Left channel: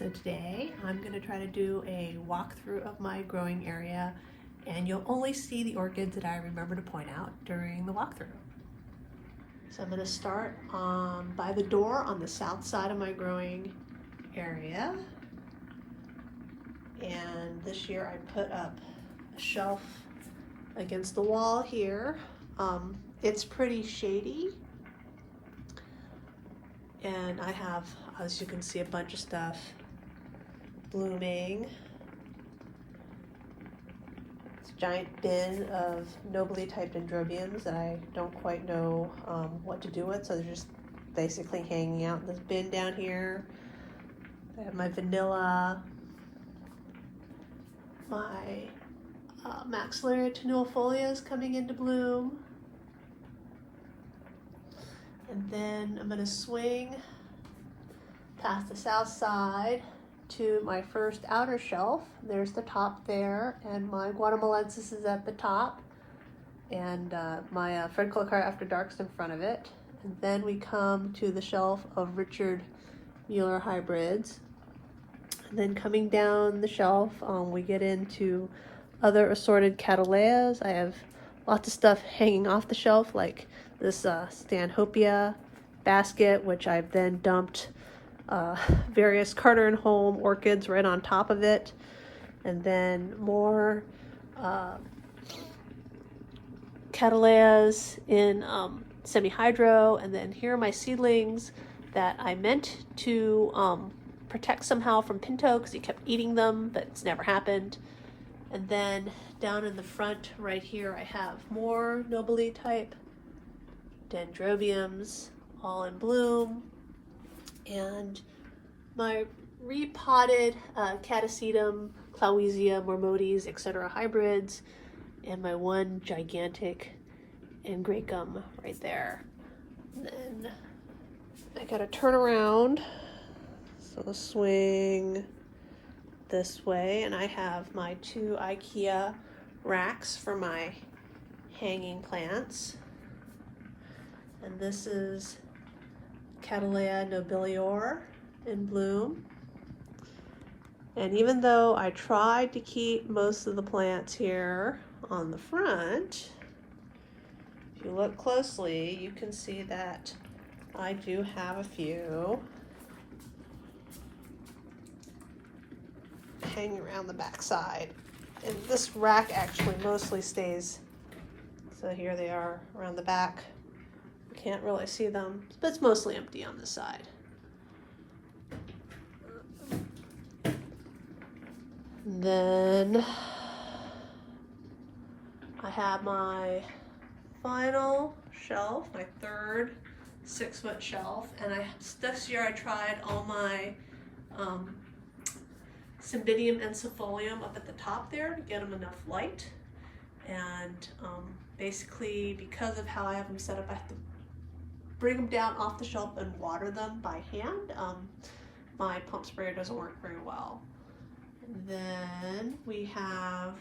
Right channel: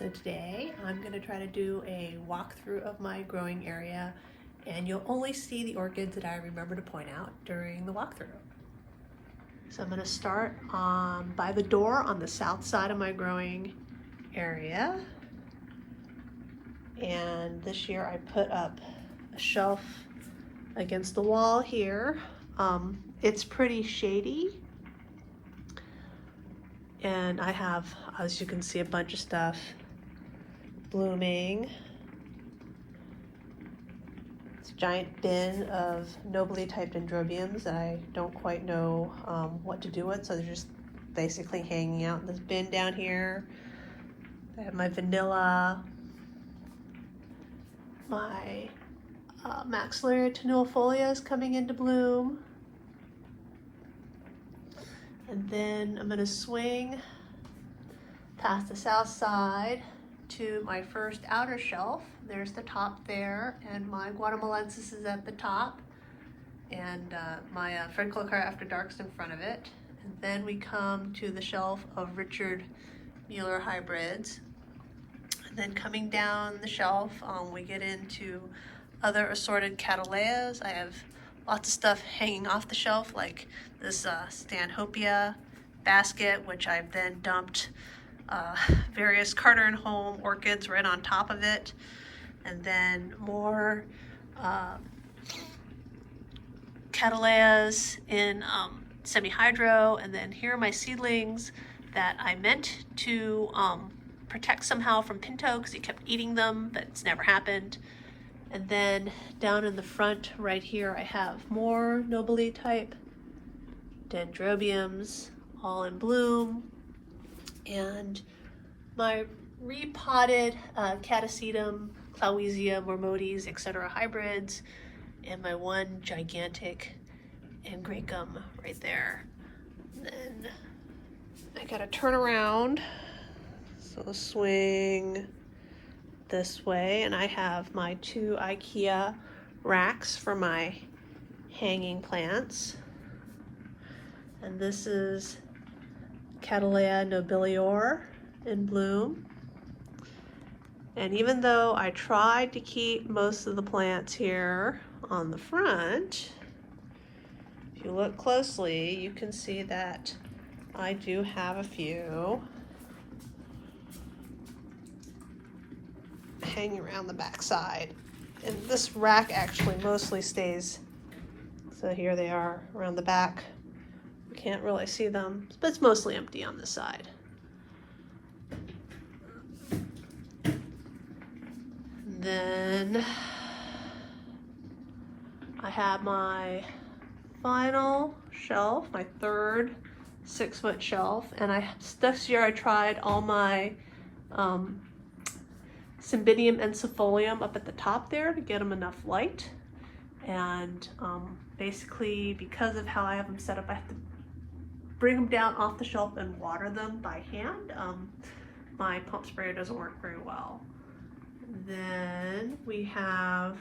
So today I'm going to try to do a walkthrough of my growing area, and you'll only see the orchids that I remember to point out during the walkthrough. So I'm going to start by the door on the south side of my growing area. And this year I put up a shelf against the wall here. It's pretty shady. And I have, as you can see, a bunch of stuff blooming. It's a giant bin of nobly typed dendrobiums that I don't quite know what to do with, so they're just basically hanging out in this bin down here. I have my vanilla, my Maxillary tenuifolias coming into bloom. And then I'm going to swing past the south side to my first outer shelf. There's the top there, and my Guatemalensis is at the top, and my Fred Colocar After Dark's in front of it. And then we come to the shelf of Richard Mueller hybrids. And then coming down the shelf, we get into other assorted Cataleas. I have lots of stuff hanging off the shelf, like this Stanhopea basket, which I've then dumped various Carter and Home orchids right on top of it. And then more Cataleas in semi-hydro. And then here are my seedlings that I meant to protect somehow from Pinto because he kept eating them, but it's never happened. And then down in the front right here, I have more nobly type dendrobiums, all in bloom, and my repotted Catasetum, Clowesia, Mormotes, etc. hybrids, and my one gigantic Angraecum right there. And then I gotta turn around, so swing this way, and I have my two IKEA racks for my hanging plants. And this is Cattleya nobilior in bloom. And even though I tried to keep most of the plants here on the front, if you look closely, you can see that I do have a few hanging around the back side. And this rack actually mostly stays, so here they are around the back. Can't really see them, but it's mostly empty on this side. Then I have my final shelf, my third 6-foot shelf, and this year I tried all my Cymbidium encephalium up at the top there to get them enough light. And basically, because of how I have them set up, I have to bring them down off the shelf and water them by hand. My pump sprayer doesn't work very well. Then we have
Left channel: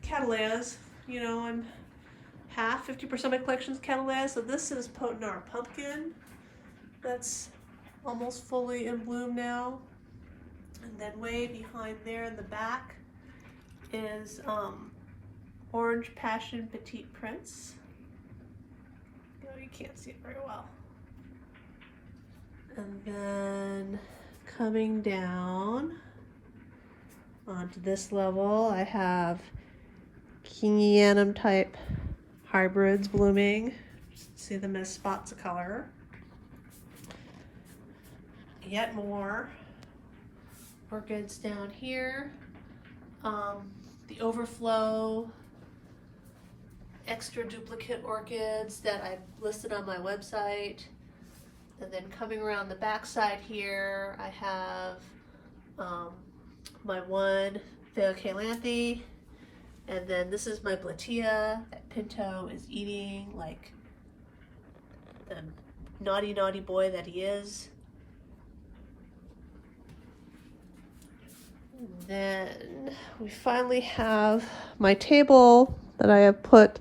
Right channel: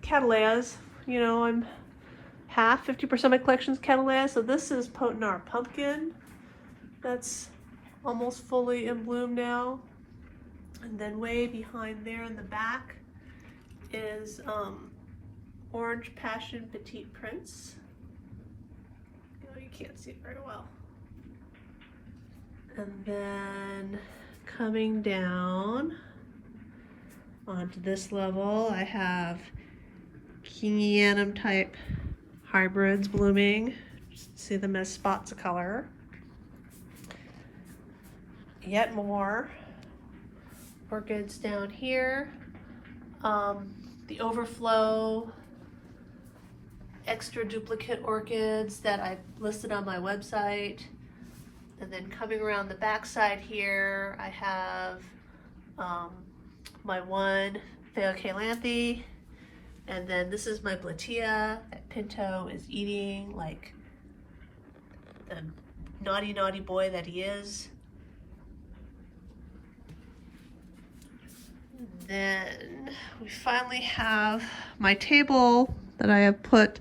Cataleas. You know, I'm 50% of my collection's Cataleas. So this is Potenar pumpkin. That's almost fully in bloom now. And then way behind there in the back is Orange Passion Petite Prince. You can't see it very well. And then coming down onto this level, I have Kingianum type hybrids blooming. Just see them as spots of color. Yet more orchids down here. The overflow extra duplicate orchids that I've listed on my website. And then coming around the back side here, I have my one Phaeocalanthe, and then this is my Blatia that Pinto is eating like the naughty boy that he is. Then we finally have my table that I have put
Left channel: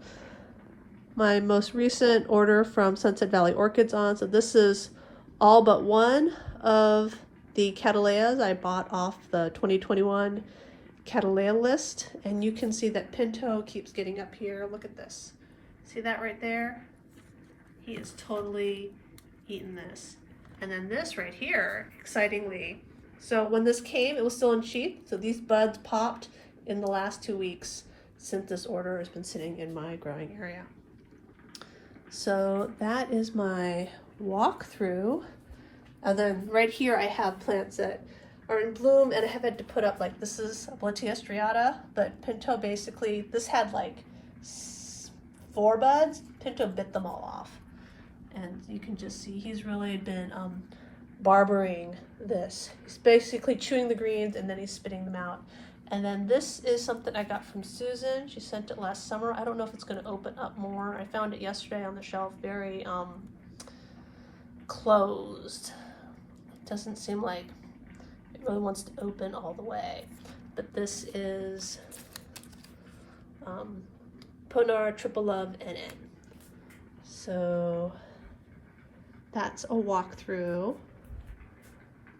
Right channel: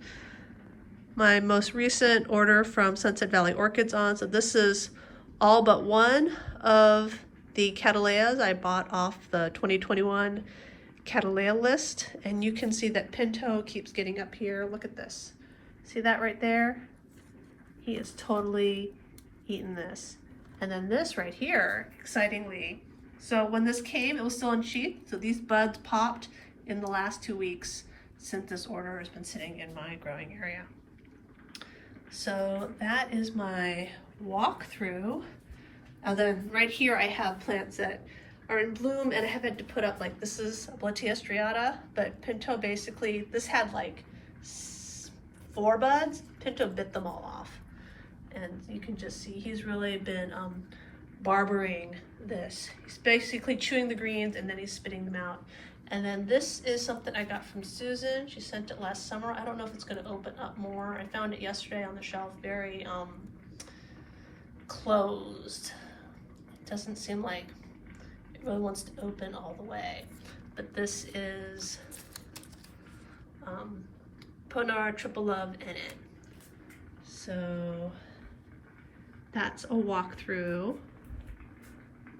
my most recent order from Sunset Valley Orchids on. So this is all but one of The Cattleyas I bought off the 2021 Cattleya list, and you can see that Pinto keeps getting up here. Look at this. See that right there? He is totally eating this. And then this right here, excitingly, so when this came, it was still in sheath, so these buds popped in the last 2 weeks since this order has been sitting in my growing area. So that is my walkthrough. And then right here I have plants that are in bloom, and I have had to put up, like, this is Blatia striata, but Pinto basically, this had like 4 buds. Pinto bit them all off. And you can just see he's really been barbering this. He's basically chewing the greens and then he's spitting them out. And then this is something I got from Susan. She sent it last summer. I don't know if it's going to open up more. I found it yesterday on the shelf, very closed. It doesn't seem like it really wants to open all the way. But this is Ponar Triple Love NN. So that's a walkthrough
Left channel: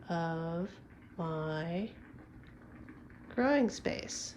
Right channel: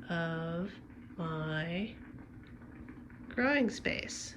of my growing space.